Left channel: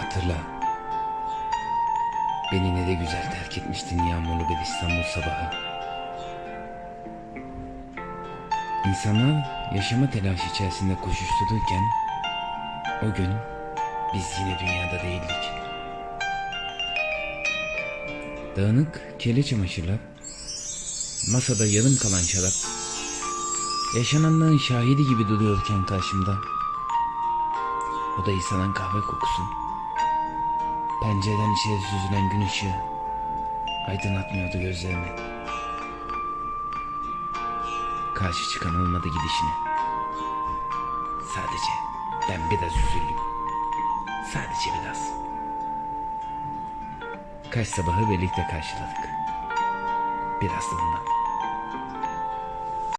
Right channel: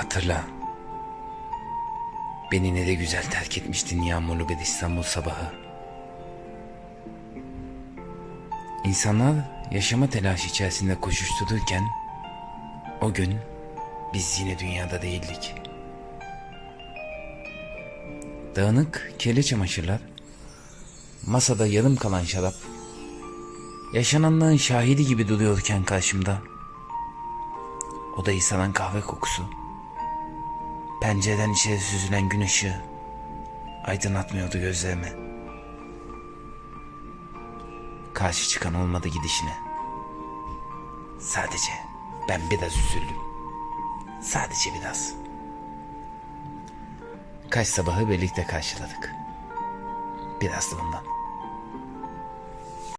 Hatırla. Beni ne de güzel terk etmiştin yağmurlu bir İstanbul sabahı. İnsanlar yaşama telaşı içerisinde koşuştururken o gün biz yine dünyada değildik. Dağınık kirli çamaşırlar, masada yarım kalan şarap, yaşananlığın şahidi gibi duruyorken karşımda odayı saran kahve kokusu, pencereden içeri süzülen gün ışığı aydınlatmıyordu gözlerimi. Karşı çıkan olmadı gidişine. Sadece ben biraz üzüldüm. Sadece biraz. Kaç sabahı birlikte karşıladık. Biraz da ondan.